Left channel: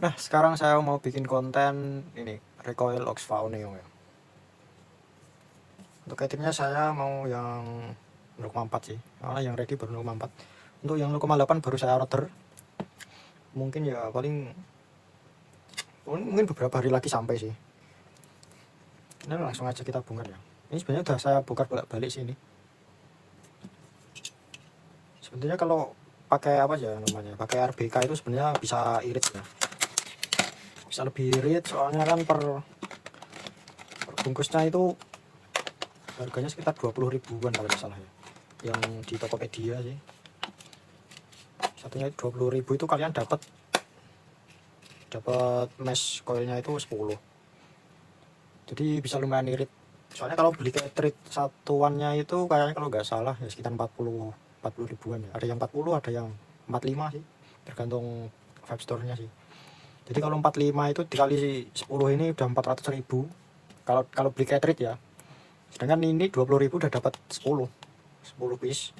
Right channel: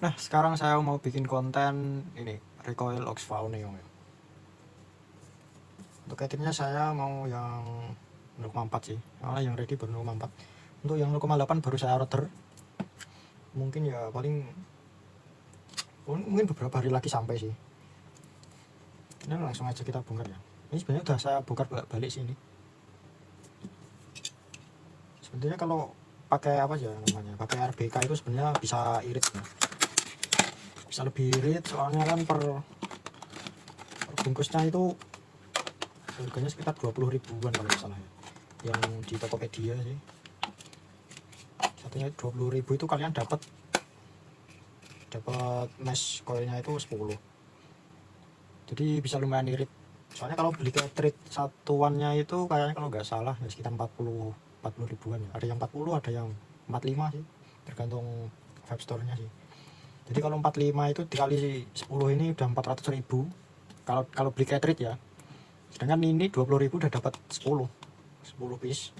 Nah, sekarang saya mau bikin konten ini recoil Oxfao Neo ya. Untuk cateringnya saya mau yang 0,4 sih, karena yang ready baru 0,4. Untuk yang 0,8 baru saya order. Mungkin ya mungkin beberapa hari lagi sampai sih. Ini langsung aja kita bongkar ya. Ini sebenarnya udah saya bongkar balik sini. Sebenarnya kalau pakai apa aja namanya, pakai RBK itu sebenarnya bisa irit ya. Bisa lebih irit soalnya kan per bungkusnya itu harganya sekitar 20 ribuan kalau nggak salah ya. Yang di Tokopedia sih. Satunya 20 ribu itu kalian dapat mesh coilnya itu 10. Jadi bisa lumayan irit. Soalnya kalau beli cartridge satuannya itu kayaknya kalau nggak salah ya sekitar 40 ribuan ya. Ada yang 40, ada yang 45 sih. Tergantung Vibe Store-nya sih. Jadi kalau 45 itu dikali 10 ini udah 400 ribu. Kalau beli cartridge ya. Sedangkan ini 20 ribu udah dapat 10 piece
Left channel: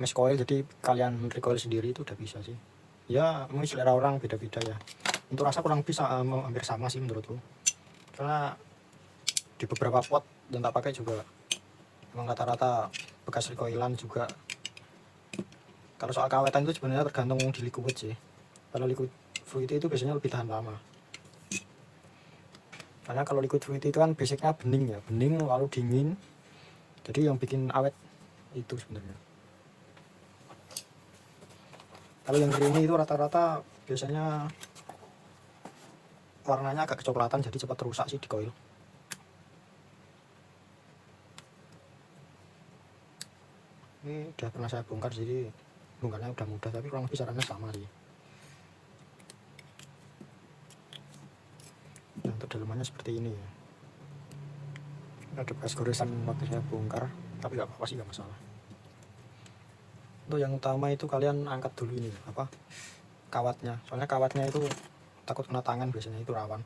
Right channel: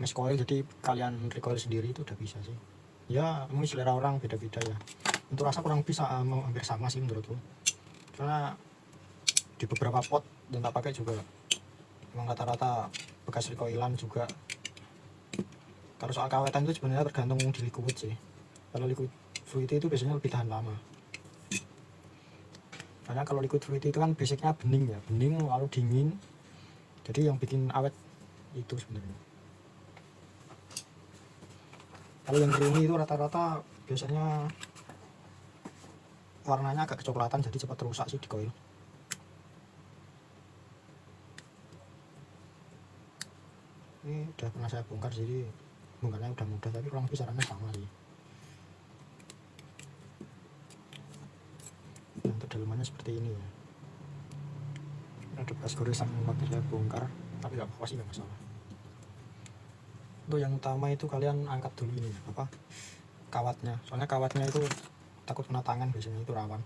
mesh coil, jadi kalian recoil sendiri itu udah bisa sih. Ya mungkin selera orang beda-beda ya. Untuk rasa kurang bisa hampir sama sih menurutku. Karena di beberapa pot yang tak pakai juga emang rata-rata bekas recoilan juga. Kalau soal kawetan itu sebenarnya tergantung di liquid sih. Kalau liquid fruit itu biasanya lebih tahan lama. Karena kalau liquid fruit itu kan basicnya bening ya, bening lalu dingin. Jadi yang bikin awet itu sebenarnya. Kalau yang creamy itu rata-rata biasanya warnanya agak kecoklatan, jadi cepat rusak sih di coil. Ini udah pernah saya bongkar, jadi bongkarnya udah mudah, tapi kurang lebih sarannya sama sih. Nah, untuk dalamannya seperti ini ya. Ini ada bekas goresan waktu saya bongkar, tapi nggak apa-apa sih, nggak masalah. Untuk yang utama itu kalian angkat dulu ini apa kawatnya, soalnya kawatnya itu takut kena tangan, biasanya itu rawan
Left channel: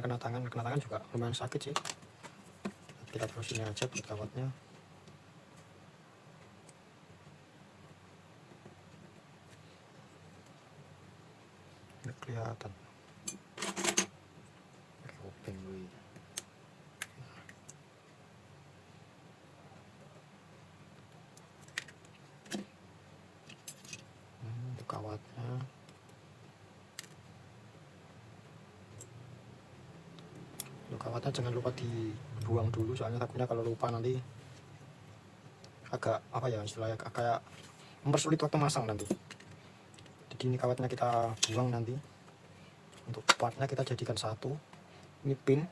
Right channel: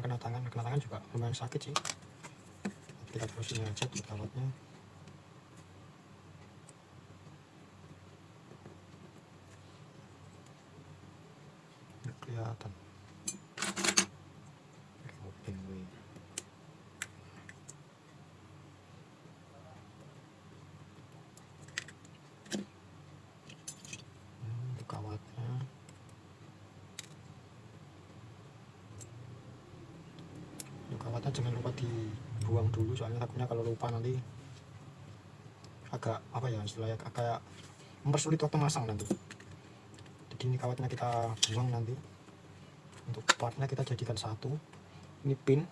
kena tangan juga lumayan sakit sih. Kita terus ini aja buat kawatnya. Nggak kelihatan. Kawatnya kawatnya jangan lupa dibuang dulu, soalnya takutnya kalau lupa nanti agak apa ya istilahnya, kayak mempersulit waktu masang nanti. Jadi ini kawatnya kita buang nanti. Untuk partnya kita jadikan satu. Ini pin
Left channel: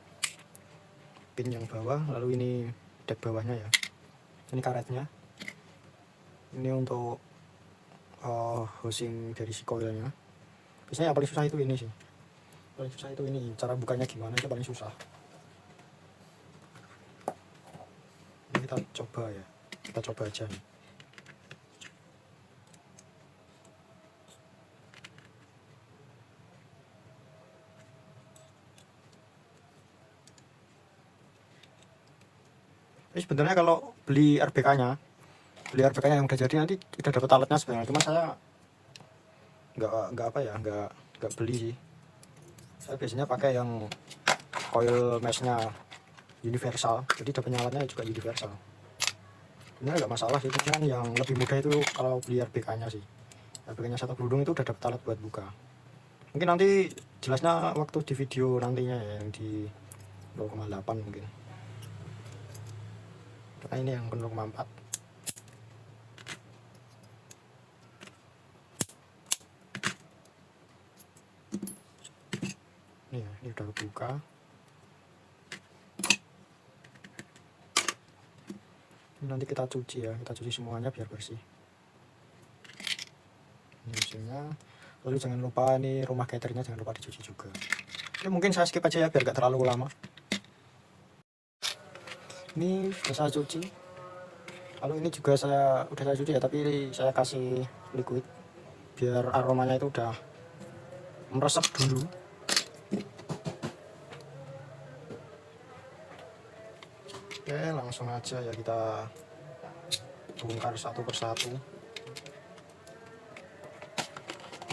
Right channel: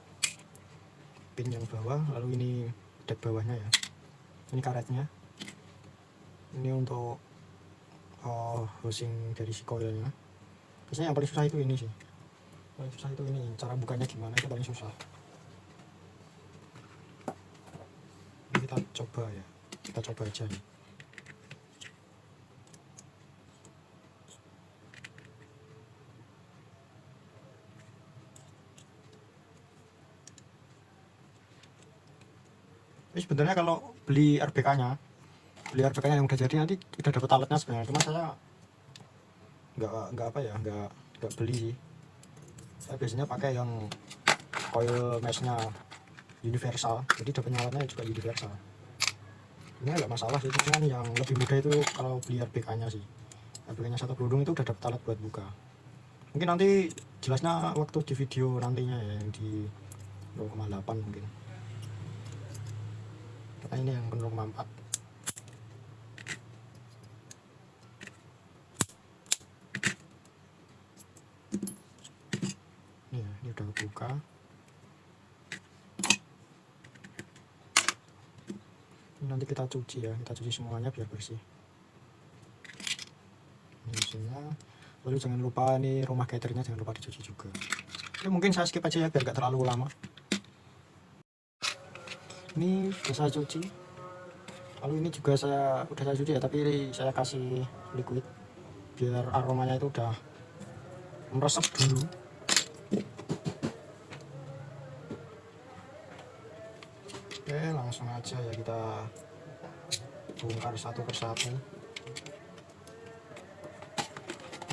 yang bawah, lalu ini deck bawahnya ya. Ini karetnya. Ini untuk housing dari si coilnya. Biasanya yang paling susah itu ini sih. Paling susah itu ini, cara bukanya gimana itu paling susah. Ini kita coba ya. Kita coba aja nih. Ini sebenarnya kalau beli RBK-nya yang udah jadi nanti udah dapat alatnya sebenarnya. Cuma saya nggak apa ya, nggak beli sih. Saya biasanya pakai yang coil meshnya universal, jadi dapatnya alatnya juga universal. Ini nggak masalah sih, cuman yang lebih mudah itu kalau beli RBK-nya sih. RBK-nya satu berudung itu udah dapat alat buat buka. Mungkin nanti jelasnya waktu di video nantinya ya, yang di 0,8 mungkin. Karena ini yang 0,4. Ini udah buka. Nanti kita cuci ya, kita cuci semuanya biar bersih. Ini hasilnya. Lalu jangan lupa ini rumah caternya jangan lupa dicuci juga. Ini mungkin saya skip aja ya biar gak terlalu lama. Ini sudah saya cuci. Lalu ini juga udah saya cuci ya, tapi saya kasih liquid biar aromanya itu udah meresap dulu. Oke, langsung aja ya kita bongkar satu persatu.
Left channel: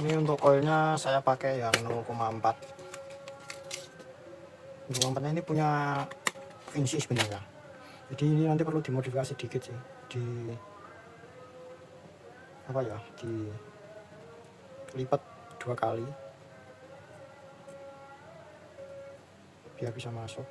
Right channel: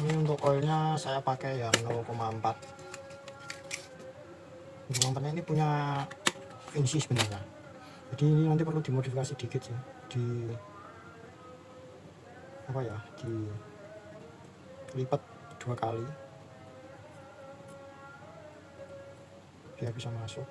Ini untuk koilnya saya pakai yang 0,4. 0,4 ini punya Vinci sebenarnya, jadi ini nanti perlu dimodifikasi dikit sih, dilipat 2 kali biar bisa masuk.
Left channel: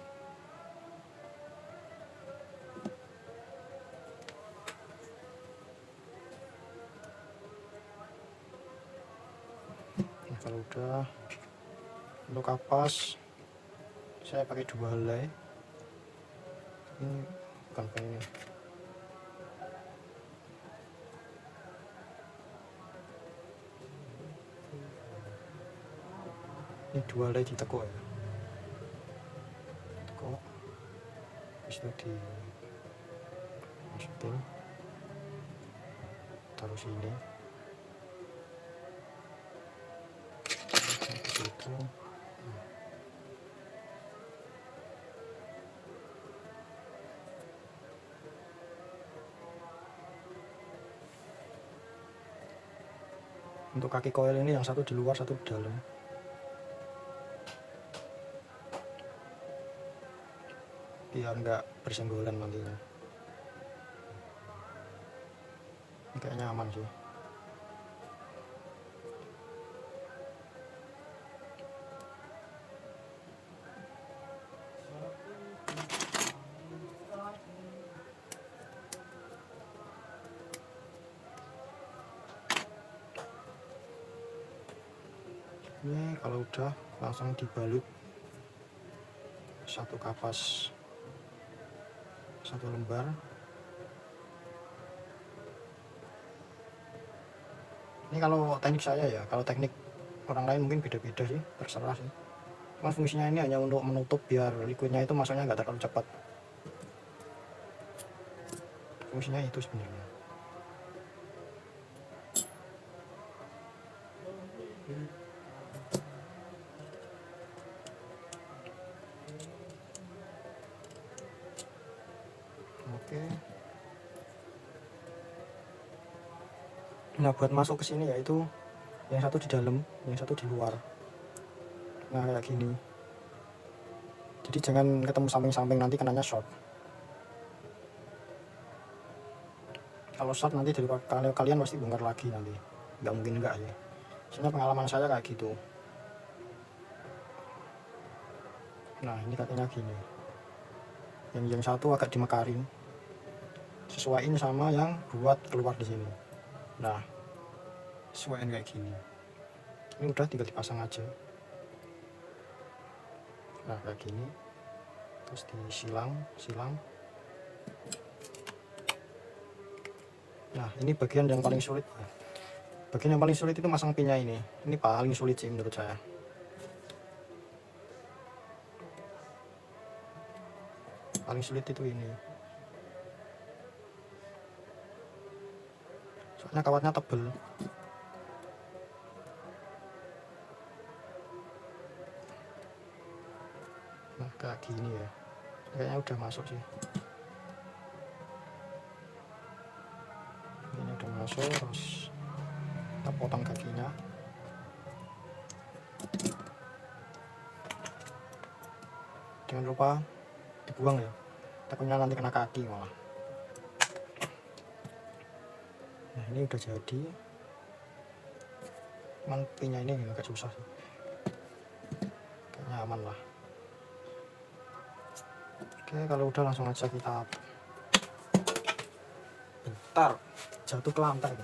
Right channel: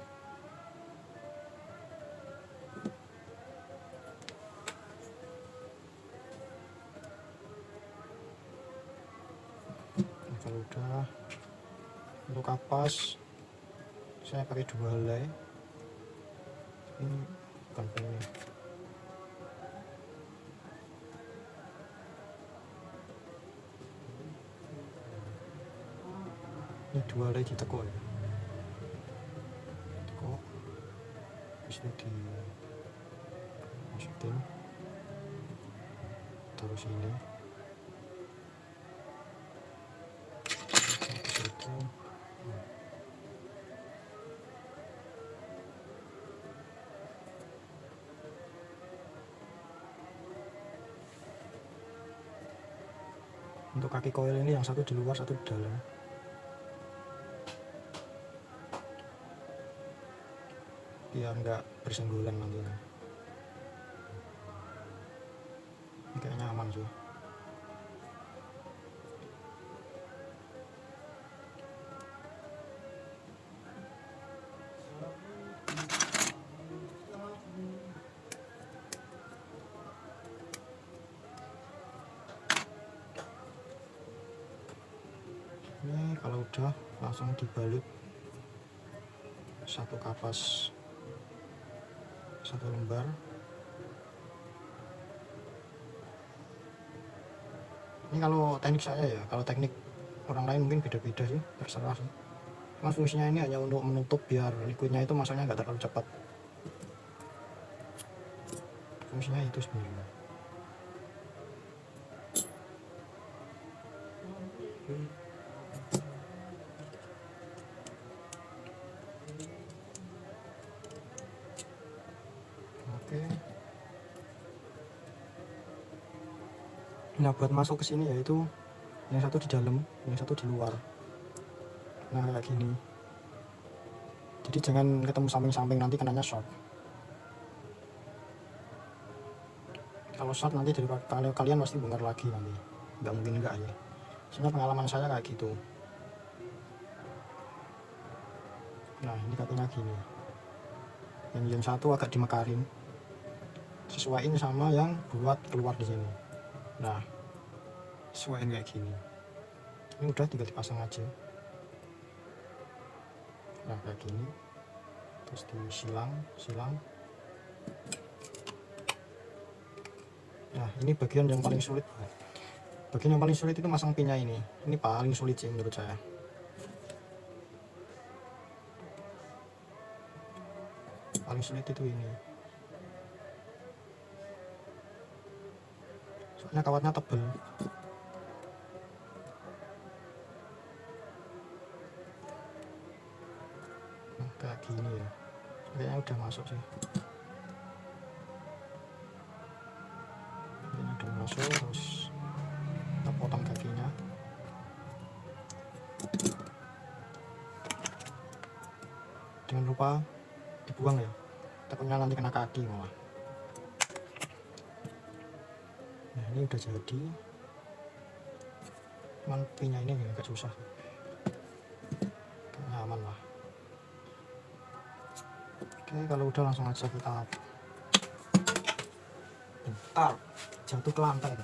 Nah, kalau udah, untuk kapas saya pakai 2 helai. Ini bukan ini, ini 2 helai ditekuk ya, tekuk, habis itu dimasukin, taruh sini, habis itu untuk kaki koil ini yang satu di luar, satu di dalam. Biar nggak bersenggolan nanti. Kayaknya aman sih. Ini kalau udah langsung dibalut satu kapas, 1 lembar. Ini kalau teknik saya ya, kalau teknik orang lain mungkin beda-beda sih, terserah sih. Cuma fungsinya ini hanya untuk menutup biar liquidnya itu masuknya nggak terlalu cepat. Fungsinya itu sebenarnya. Oke. Nah, buat masuk ke sini yaitu yang satu di dalam, yang satu di luar. Nah, kayak gini. Jadi jangan ketemu samping-samping, nanti kenanya short. Kalau short nanti dari kalian pasti bongkar lagi nanti. Nggak mungkin enggak ya. Soalnya pengalaman saya kayak gitu. Nah, ini kakinya gini. Yang satu agak dimekarin. Sesuaiin sama yang buat keluar di sini. Nah, sesuaiin kayak gini. Ini udah tinggal dipasang aja. Nah, kayak gini. Terus disilang. Nah, ini bagian yang paling sulit. Bagian yang paling sulit itu masang pinnya ini. Ini paling sulit sih menurut saya. Paling sulit itu ini. Soalnya kawatnya tebel. Nah, kayak gini ya. Kayaknya udah masuk sih. Ini udah masuk, terus kita potong kakinya. Jangan lupa dibuang ya, takutnya nanti kena kaki malah. Nah, ini udah jadi. Cuman pinnya ini agak susah sih. Kayaknya aman lah. Oke, kalau udah langsung aja kita. Bentar, jatuh ke lantai.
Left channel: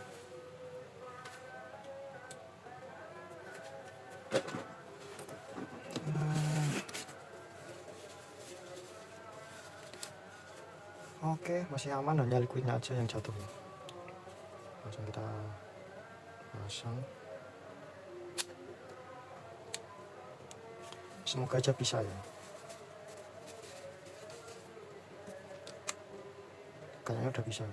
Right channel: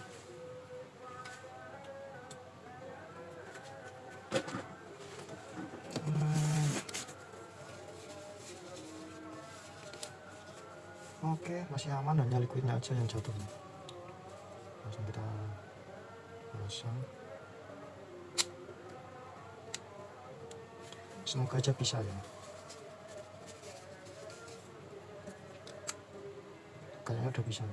Oke, masih aman, hanya liquidnya aja yang jatuh. Langsung kita pasang. Semoga aja bisa ya. Kayaknya udah bisa.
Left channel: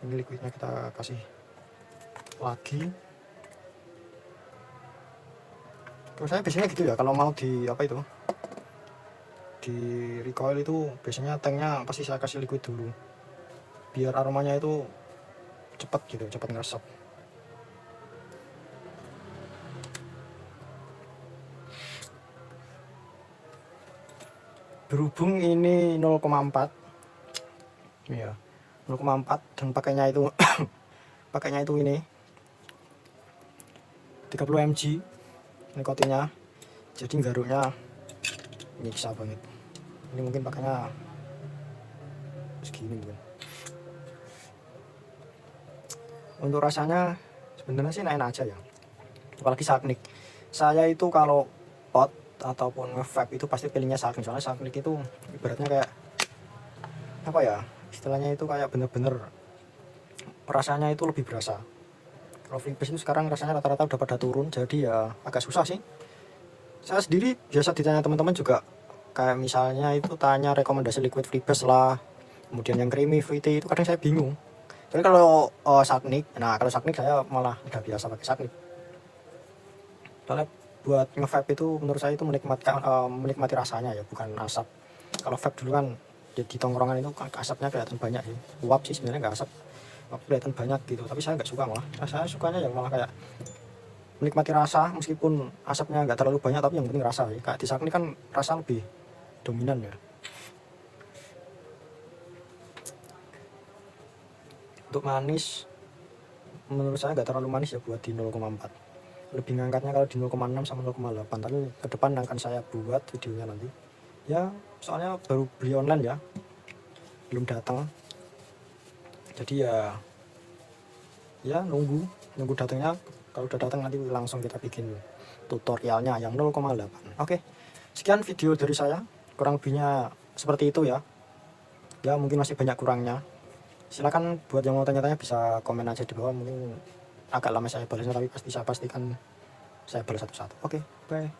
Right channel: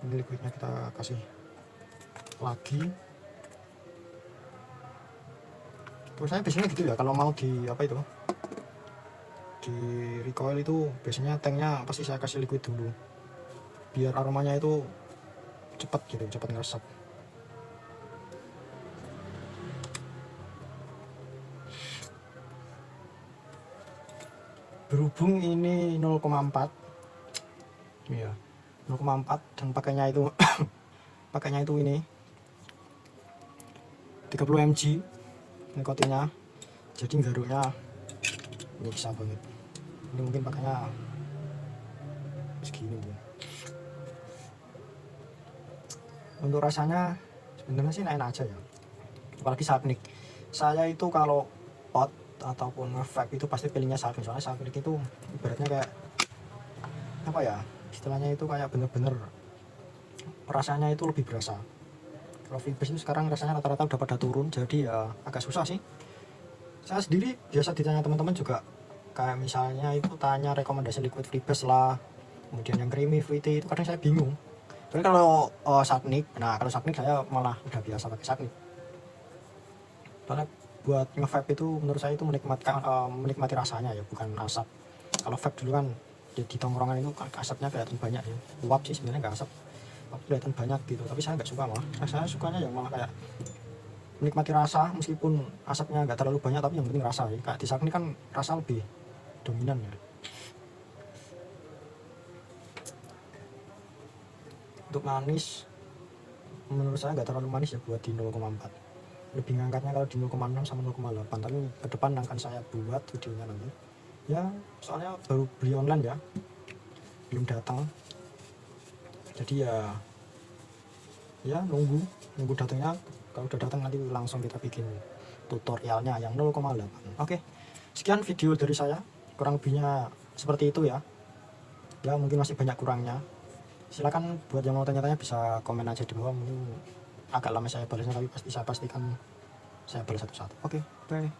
Ini liquidnya kita kasih lagi. Terus saya biasanya gitu ya, kalau mau di di recoil itu biasanya tanknya pasti saya kasih liquid dulu biar aromanya itu cepat gitu, cepat ngeresep. berhubung ini 0,4 ya, 0,4 dan pakainya itu ini 30 mg nikotinnya, jadi garuknya nyiksa banget. Ini mungkin pakainya segini ya. Untuk rasanya sebenarnya sih enak aja ya, apalagi Saknik. Saya itu kalau pot ataupun nge-vape itu pasti pilihnya Saknik, soalnya Saknik itu ibaratnya kayak apa ya, istilahnya itu kayak bener-bener rasanya itu lebih berasa. Kalau Freebase itu sekarang rasanya rata-rata udah pada turun, jadi ya agak susah sih. Saya sendiri biasa ditanya teman-teman juga, kayak misalnya itu tanya rekomendasi liquid Freebase lah, kemudian yang creamy fruity itu kadang saya bingung. Tapi kalau Saknik, nah kalau Saknik saya malah udah biasa pakai Saknik. Soalnya buat nge-vape itu menurut saya itu menikmati rasanya ya, bukan asap. Kalau vape dulu kan di tongkrongan itu asapnya kelihatan banyak sih. Uap sih sebenarnya nggak asap, kelihatan banyak gitu, tapi saya nggak suka, malah saya sukanya yang malah kayak menikmati rasa, meskipun asapnya nggak terlalu banyak tapi yang penting rasa ya. Kayak di Saknik kan rasa lebih dominan ya. Untuk manis menurut saya nggak terlalu manis ya buat di 0,4, lebih ngangkatnya kalau di 0,6 sama 0,8, tapi ke depan akan saya buat videonya nanti ya, soalnya baru beli online ya, belum datang, jadi ya nunggu datangnya. Kalau udah datang nanti langsung kita bikin tutorialnya yang 0,8. Oke, sekian video dari saya, kurang lebihnya seperti itu ya. Ya mungkin masih banyak kurangnya, silakan buat yang mau tanya-tanya bisa komen aja di bawah, mungkin agak lama saya balasnya tapi pasti saya pastikan saya balas satu-satu. Oke, bye.